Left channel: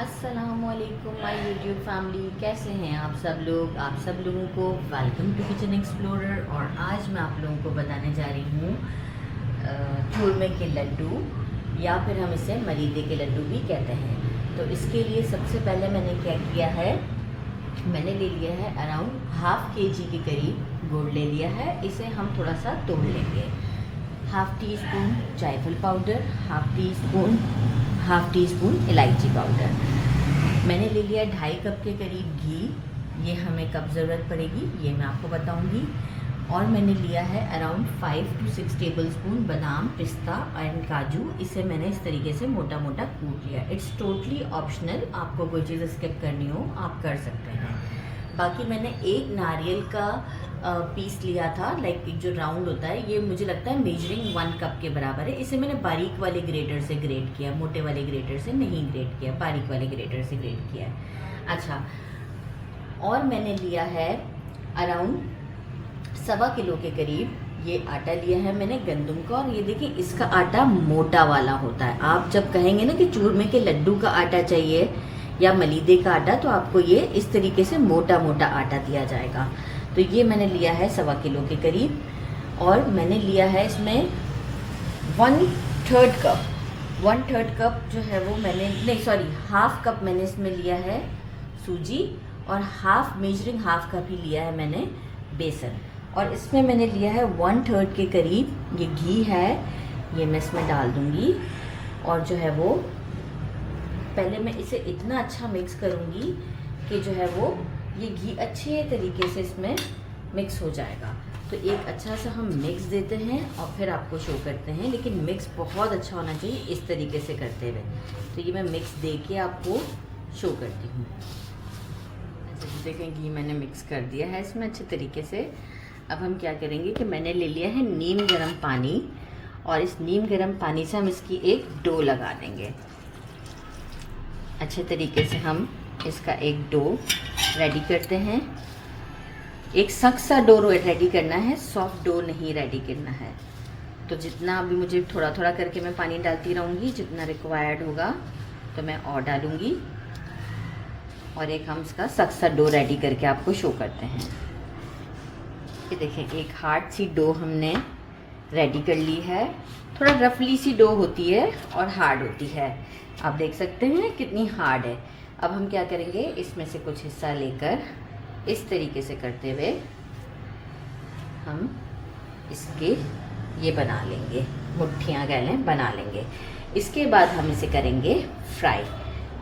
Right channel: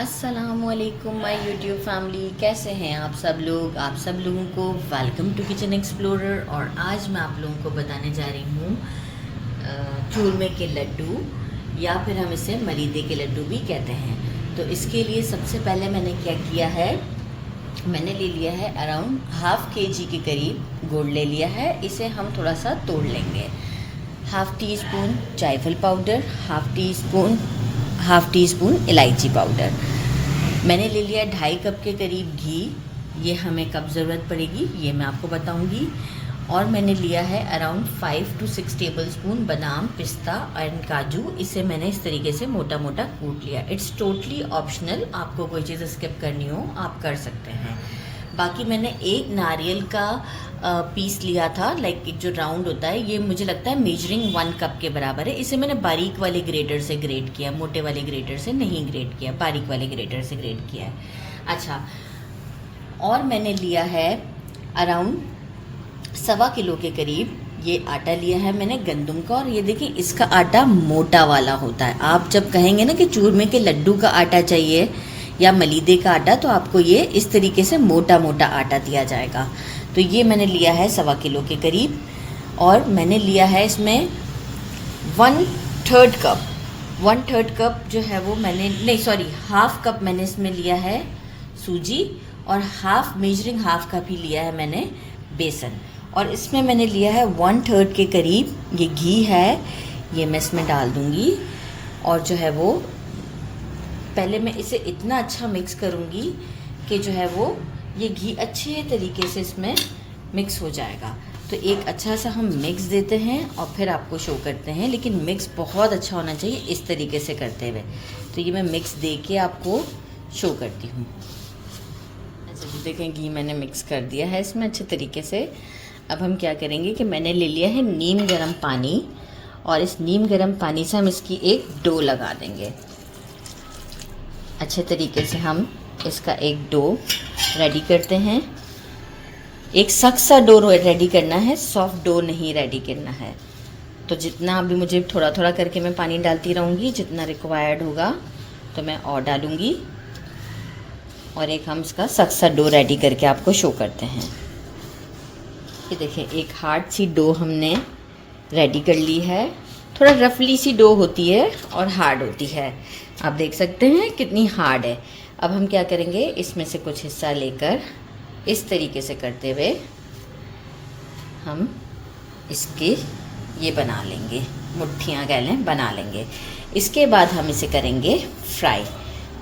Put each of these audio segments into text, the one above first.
अस्सलामुअलैकुम my YouTube family, कैसे हैं आप सब लोग। आप सब लोगों को वेलकम टू किचन एक्सप्लोरर। और आज मैं आप लोगों को बताने जा रही हूँ चूरमे के लड्डू, या फिर हम इसे मलीदे के लड्डू भी कहते हैं। तो इसके लिए सबसे पहले मैंने क्या किया है, मैंने ले लिया है अराउंड हाफ केजी के करीब गुड़ ले लिया है। इसे हम थोड़ा सा तोड़ लेंगे। हाफ़ टी स्पून जायफल पाउडर, हाफ़ टी स्पून इलायची पाउडर। मैंने ले लिया 2.5 कप के करीब घी। ये हमें कब ज़रूरत पड़ेगी ये मैं आपको बताऊंगी। और मैंने लिया है अराउंड 5 to 6 टेबल स्पून बादाम, पिस्ता एंड काजू। इसे मैंने इस तरीके से मोटा मोटा कूट लिया। इट्स टोटली ऑप्शनल, आपको कोई चीज़ स्किप करनी हो आप कर सकते हैं। बाकी मैंने एक नारियल का पीस लिया था, लाइक एक जो राउंड होता है, ये मुझे लगता है मेजरिंग 1 कप के बराबर है। इसे मैंने बारीक वाले ग्रेटर से ग्रेट किया, मोटे वाले ग्रेटर से नहीं ग्रेट किया, बारीक वाले ग्रेटर से ग्रेट किया है। अच्छा, और मैंने लिया है अराउंड 1.25 किलो के करीब ये आटा लिया है मैंने गंदम का। और ये देखिए, इसका आटा मोटा वाला होता है। आप जब कहेंगे ना कि चूरमे के लड्डू का आटा चाहिए या मलीदे का आटा, तो आपको ये इस तरीके से मोटा मोटा आटा दिया जाएगा। तो ये मैंने लिया है 1.25 किलो के करीब। और मैंने लिया है इसमें 1/3 कप जो है वो मैंने, नहीं सॉरी, हाफ कप मैंने इसमें लिया है सूजी। और मेजरिंग हाफ कप ही लिया है मैंने बेसन। और इसमें मैंने लिया है 1/3 के करीब ये घी है, ये मैं इसमें डाल दूँगी। और जो है वो पहले मैं इसे इतना अच्छा मिक्स करूँगी कि जो है वो ये घी अच्छे तरीके से इसमें मिक्स हो जाएगा। तो एक अच्छा सा हम मिक्स देते हैं और फिर आपको शो करते हैं, लेकिन मिक्स बहुत अच्छा होना चाहिए इस तरीके से करते हुए। तो ये मैं मिक्स दे के आपको शो करती हूँ। ऐसे जो देखें, घी मैंने मिक्स कर दिया है इसमें अच्छे तरीके से। अब हम क्या करेंगे कि मैंने ले लिया है नीम गर्म पानी, और इस नीम गर्म पानी से हम इसकी एक डो लगा देंगे। अच्छे तरीके से हम इसका एक डो रेडी करते हैं। एक सख्त सा डो रेडी करना है, सॉफ्ट डो नहीं रेडी करना है। तो जितना अभी मुझे थोड़ा थोड़ा करके मैं पानी डालती रहूँगी, जितना रिक्वायर्ड होगा तो मैं और डालूँगी। और एक हम इसका सख्त सा डो रेडी करके आपको शो करते हैं। ये देखें, एक हार्ड सी डो हमने रेडी कर ली है। थोड़ा रफली सी डो होती है और हार्ड होती है, आप देख सकते हैं कितनी हार्ड है। अब हम क्या करेंगे, इसमें से कुछ हिस्सा लेकर इस तरीके से करते हुए हम इसकी ये बना लेंगे, मुट्ठियाँ कह लें, बना लेंगे। इसके बाद हम इसे करेंगे फ्राई।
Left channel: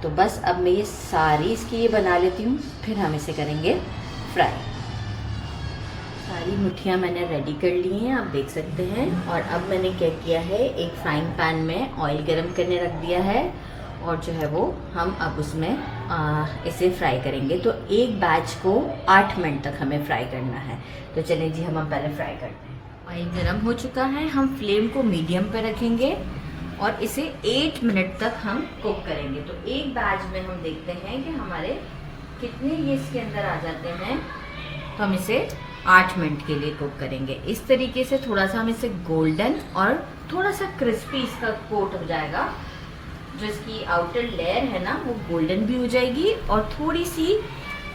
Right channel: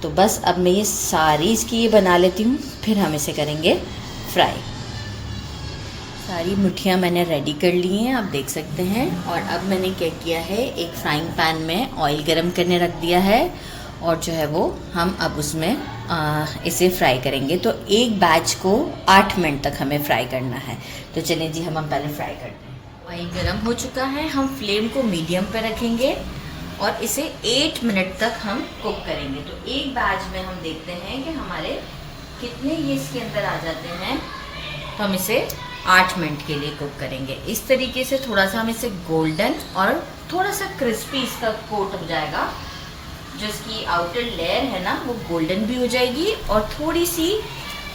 तो बस अब मैं ये सारी इसकी ये बना लेती हूँ, फिर हम इसे करेंगे फ्राई। सारी मुट्ठियाँ मैंने रेडी कर ली हैं, आप देख सकते हैं। और अब मैंने क्या किया है, एक फ्राइंग पैन में ऑयल गरम करने रख दिया है। और जो है वो हम अब उसमें इसे फ्राई करेंगे। तो एक बैच को 8 मिनट तक हमें फ्राई करना है। तो चलें जी, हम पहले फ्राई करते हैं। ऑयल गरम हो चुका है, हम फ्लेम को मीडियम पर रखेंगे और इसे 8 मिनट तक हम कुक करेंगे। तो एक बैच में हम देखते हैं कि हमारे कितने ये इसके अंदर आ जाते हैं। तो हम इसे 8 मिनट के लिए कुक करेंगे। इस तरीके से थोड़ा सा हम इसे गोल्डन और थोड़ा सा क्रिस्पी इसका कोट हो जाएगा। जो इसकी आउटर लेयर है ना, वो गोल्डन भी हो जाएगी और थोड़ी सी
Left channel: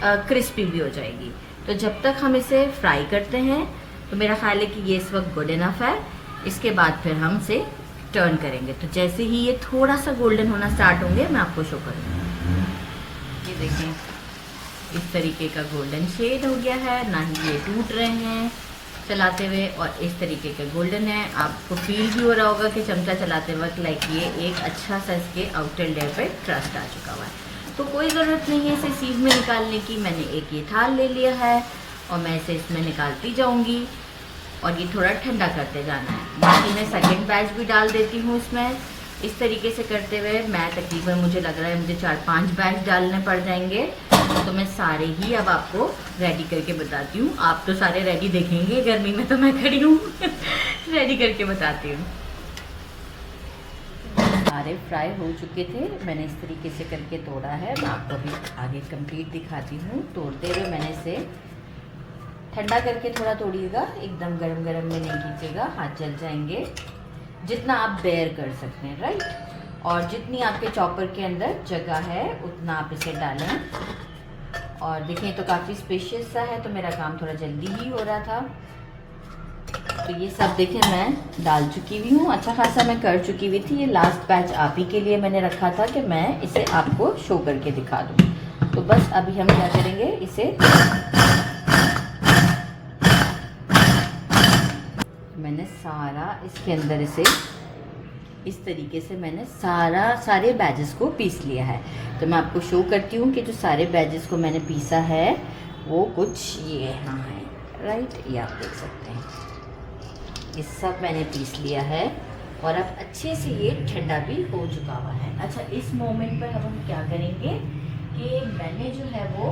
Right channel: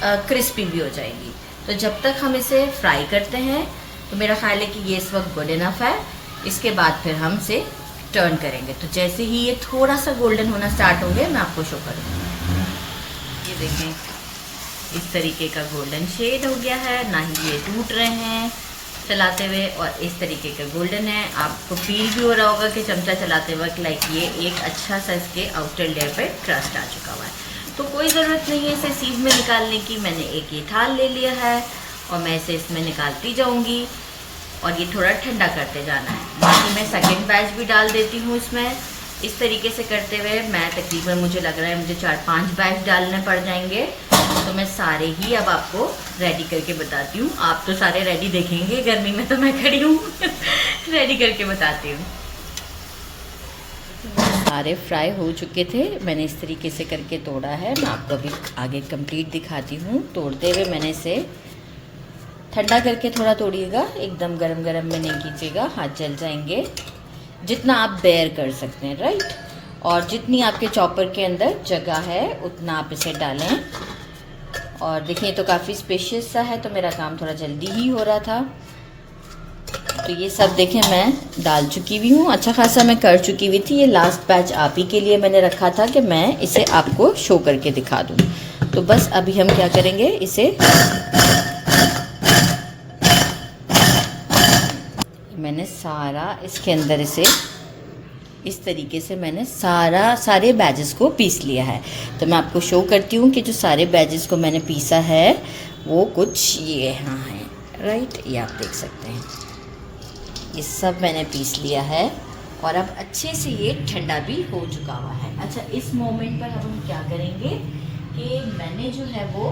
क्रिस्पी भी हो जाएगी। तो जब तक हम इसे फ्राई करते हैं, तो मेरा ख्याल है कि ये इस वक्त गुड इनफ है। इसके बाद फिर हम इसे टर्न करेंगे। तो जैसे ही ये थोड़ा सा गोल्डन होना स्टार्ट होंगे, मैं आपको शो करूँगी। ये देखें, इस तरीके का गोल्डन शेड हो गया है, ना ही ये टूट रहे हैं चलाते हुए, और इस तरीके का गोल्डन है। आपको फील भी हो रहा होगा कि चमचा चलाते वक्त लाइक ये एक अच्छा सा इसके आउटर लेयर पे क्रस्ट आ चुका हुआ है। तो कोई ज़रूरत नहीं है इसे सीध में निकालने की। मैंने एक ये थाल ले लिया है और मैं इसे इसमें निकालती जाऊँगी और ये थोड़ा ठंडा करते जाना है। बाकी मैं सेकेंड बैच भी डाल देती हूँ इसमें। इस तरीके से करते हुए मैं तकरीबन, मुझे लग रहा है मुझे 4-5 बैच डालने पड़ जाएंगे। तो मैं सारे ही अब आपको रेडी करके बताती हूँ। आप तो सारे रेडी देखेंगे, गर्मी में तो मैं खड़ी हूँ रेडी करके बताती हूँ। सारे फ्राई हो चुके थे, मैंने इस तरीके से करके तोड़ा है। मैं आपको अभी आगे कंप्लीट दिखाती हूँ। तोड़ते हुए मैंने इसे ठंडा करके थोड़ा तोड़िएगा, एकदम गरम गरम में नहीं कीजिएगा, हाथ जल जाएंगे। जितना आप बेयर कर सकते हैं, राइट। और जितनी आपके चॉपर के अंदर जगह है उतना आप इसे डालें। और देखिए तो काफ़ी स्पेशियस सा है, तो मेरा काम थोड़ा जल्दी ही हो रहा था। तो ये सब देखें मैं डाल चुकी हुई हूँ, अच्छा खासा मैं कर चुकी हुई थी। ये लास्ट बैच आप ही के लिए मैंने रखा था कि मैं इसे आपको शो करके दिखा दूँ। तो बस अभी हम क्या करेंगे, इसे मैंने सारा इसके अंदर इसे इस तरीके से मैंने सारे बैजेस को पीस लिया है। तो मैं आपको शो करती हूँ कि जो सारे बैजेस को मैंने पीसा है वो कुछ ये यहाँ है, राइट, ये आप देख सकते हैं। ये सब मैंने पीस लिया है और अब अच्छे से ये ठंडा भी हो चुका हुआ है। अच्छा, इस मोमेंट पर अब हम क्या करेंगे कि मैंने जो है वो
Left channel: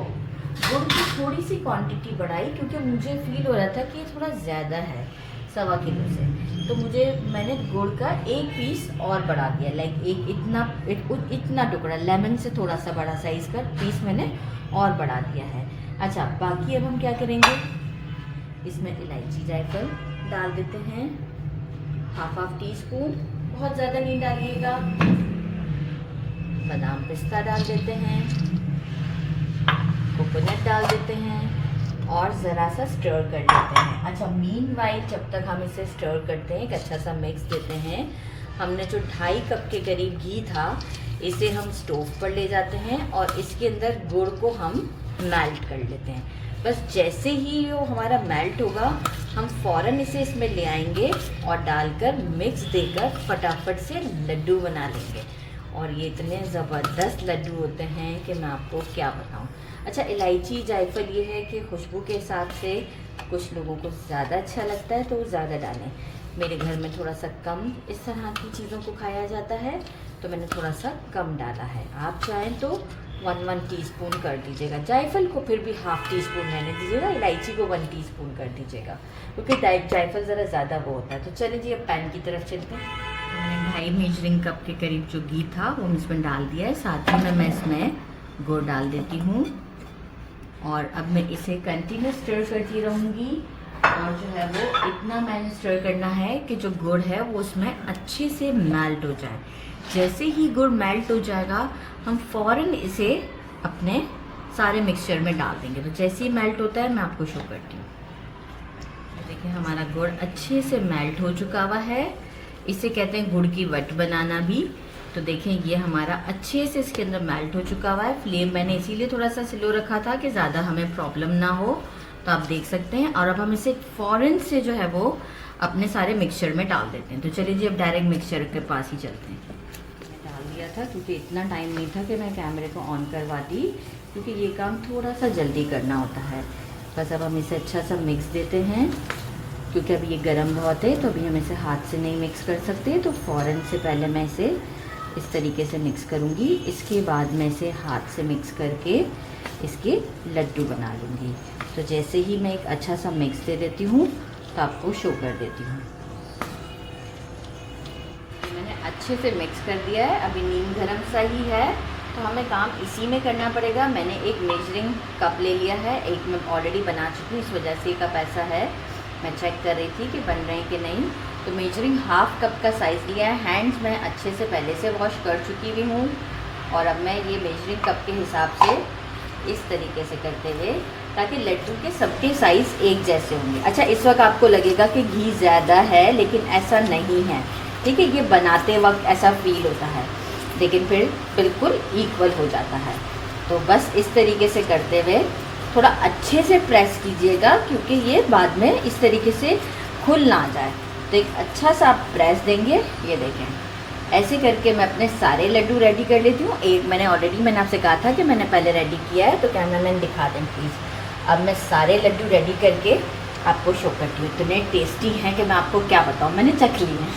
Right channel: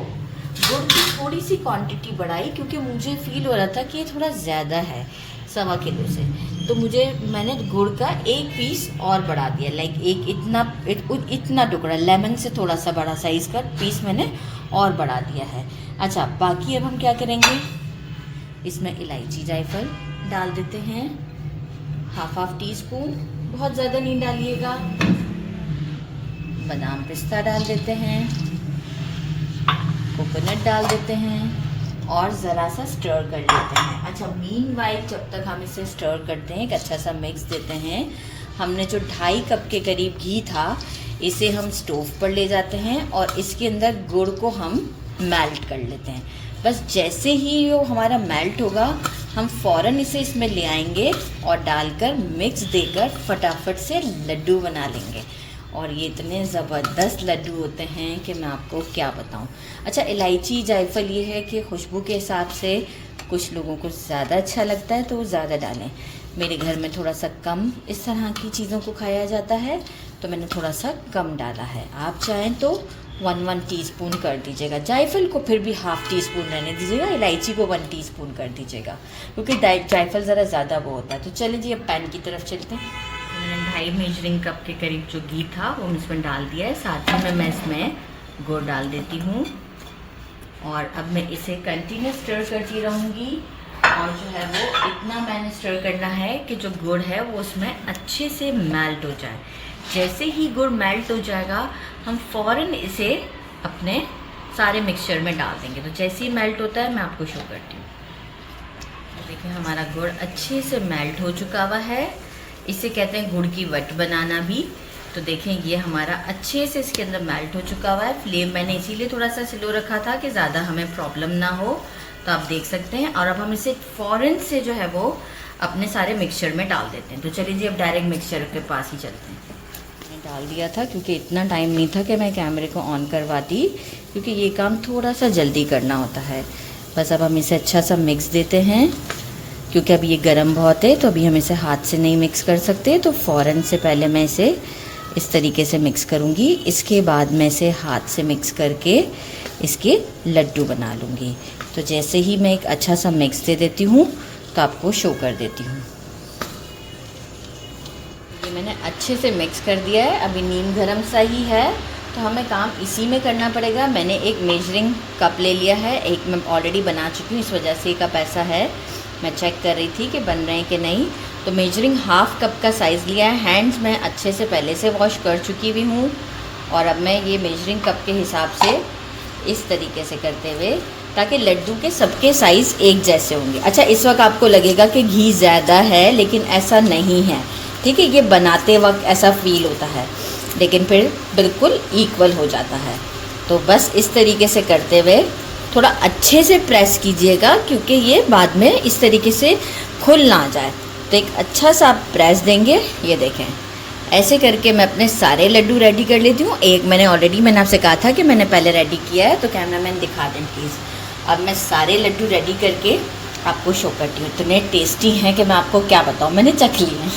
गुड़ की थोड़ी सी क्वांटिटी बढ़ाई, क्योंकि मुझे फील हो रहा था कि ये थोड़ा ज़्यादा है 1.25 किलो से। तो मैंने गुड़ का एक पीस और बढ़ा दिया, लाइक इतना टुकड़ा लेमन से थोड़ा सा बड़ा साइज़ का पीस मैंने और बढ़ा दिया है। अच्छा, बाकी अब हम क्या करेंगे, इसमें इलायची जायफल डाल देते हैं, हाफ टी स्पून, बहुत ज़्यादा नहीं डालिएगा। बादाम पिस्ता डाल देते हैं, कोकोनट डाल देते हैं और ज़रा सा स्टर कर लेते हैं। अच्छा, मीनवाइल जब तक हम इसे स्टर करते हैं, एक अच्छा सा मिक्स देते हैं, हमने जो 2.5 कप के करीब घी था इसे हम स्टोव पर ले जाते हैं और इसके अंदर गुड़ को हम मेल्ट कर लेते हैं। बस जैसे ही वो हमारा मेल्ट होगा हम फ़ौरन इसे इसमें ले आएंगे और डालकर मिक्स देकर फटाफट से लड्डू बना लेंगे। और ये इतने ज़बरदस्त लड्डू होते हैं कि मैं आपको क्या बताऊं। अच्छा, इलायची जायफल ये है कि खुशबू के हिसाब से कुछ लोगों को ज़्यादा अच्छा लगता है तो वो ज़्यादा डालें। मेरे घर में थोड़ा सा कम इस तरह की चीज़ों को खाया जाता है तो मैंने थोड़ा सा कम डाला है। आप चाहें तो 1 टीस्पून कर दीजिएगा, जायफल को फिर भी हाफ टी स्पून रहने दीजिएगा, इलायची को 1 टीस्पून कर दीजिएगा, क्योंकि जायफल ज़रा ज़्यादा वो होता है। तो चलिए जी अब पैन की तरफ चलते हैं। मैंने 2.5 मेजरिंग कप के करीब जो घी था वो इसमें डाल दिया है, साथ ही में मैं इसमें गुड़ डाल देती हूँ और अब मैं इसे कंटिन्यू स्टर करती रहूँगी। और जो है वो इतना मैंने स्टर करना है कि जो गुड़ है वो उसमें अच्छे से मेल्ट हो जाए। जैसे ही गुड़ मेल्ट हो जाएगा हम फ़ौरन इसे अपने सारे मिक्सचर में डाल देंगे। तो जैसे ही मेल्ट होता है मैं आपको शो करती हूँ। देखिए हमारा गुड़ अच्छे से मेल्ट हो चुका हुआ है, इसे कहते हैं गुड़ की वट बनाना भी। तो देखें ये हमारा अच्छे से इसके अंदर मेल्ट हो चुका हुआ है। फ्लेम मैंने इसीलिए थोड़ा सा स्लो रखा था कि ज़्यादा हमें प्रॉब्लम ना हो, तो आप देख सकते हैं। और अब हम इसे फ़ौरन से जो है वो अपने सारे मिक्सचर में डाल देते हैं। तो चलिए जी अब डायरेक्ट मिक्सचर के पास ही चलते हैं। मैंने डाल दिया था क्योंकि इतना टाइम नहीं था कि मैं कैमरे को ऑन करवाती, क्योंकि ये काम थोड़ा सा जल्दी करना होता है। बस अब हम इसे अच्छा सा मिक्स देते हैं, क्योंकि अब ये गर्म बहुत है तो अभी हम इसे हाथ से नहीं मिक्स कर सकते। तो फ़ौरन से पहले मैं इसे इस तरीके से मिक्स करूँगी, इसके बाद मैं इसे हाथ से मिक्स करके इसके लड्डू बना लूँगी। तो जैसे ही मैं एक अच्छा सा मिक्स दे देती हूँ तो आपको शो कर देती हूँ। ये मैंने अच्छे से मिक्स कर दिया है, अभी नीम गरम सा ही है तो हमें काम इसी में करना पड़ेगा। मैंने एक मेजरिंग कप ले लिया है, एक मैं ऑलरेडी बना चुकी हूँ, इस वजह से कप ऐसा है। मैं चेक कर रही थी कि बन रहे हैं कि नहीं। तो मेजरिंग हाफ कप का साइज़ लिया है। हैंड्स मैं अच्छे से पहले से वॉश कर चुकी हुई हूँ और अब मैं ये मेजरिंग कप के हिसाब से इस तरीके से करते हुए, ताकि लड्डू के सबके साइज़ एक जैसे होंगे। अच्छा, इस वक्त आपको लगेगा कि घी ज़्यादा है, लेकिन ऐसा नहीं है, ठीक है। ये बनाते वक्त ऐसा फील होता है, लेकिन फिर बिल्कुल इक्वल हो जाता है। तो बस इस तरीके से करते हुए थोड़ा अच्छे से प्रेस कीजिएगा, क्योंकि ये बाद में इस तरीके से खुल ना जाए। तो एक अच्छा सा आप प्रेस देंगे। ये देखें, ऐसे करके मैं अपने सारे लड्डू रेडी कर लेती हूँ। एक मैंने आपसे कहा था कि मैंने पहले रेडी किया है, तो कैमरामैन दिखा दें प्लीज़। अब मैं सारे लड्डू रेडी करके आपको शो करती हूँ। इतने टेस्टी हैं कि मैं आपको क्या बताऊँ, मैंने चख लिए हैं।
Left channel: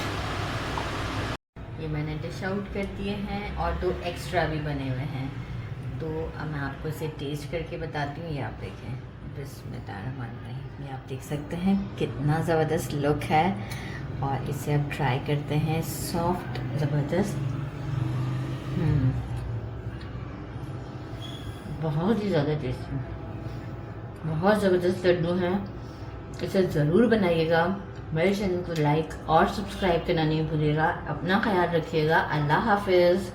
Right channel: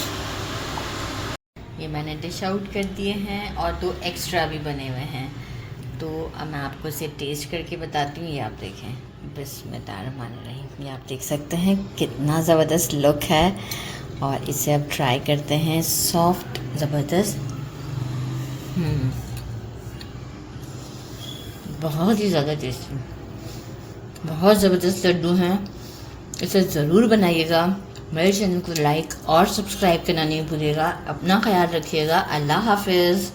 ये मैंने डिश आउट कर दिए हैं और 2 एक्स्ट्रा भी बने हुए हैं। तो अब मैं आपको इसे टेस्ट करके बताती हूँ। ये आप देखें, बिस्मिल्लाहिर्रहमानिर्रहीम। ये आप देख सकते हैं कितना ज़बरदस्त लुक है। और इसे अब ट्राई करते हैं। सॉफ्ट ज़बरदस्त, बहुत ही ज़्यादा टेस्टी, बहुत ज़बरदस्त लड्डू हैं। इसे ज़रूर बनाइएगा, मेरे चैनल को लाइक और सब्सक्राइब करना नहीं भूलिएगा। अपना ख्याल रखिएगा। अल्लाह हाफिज़।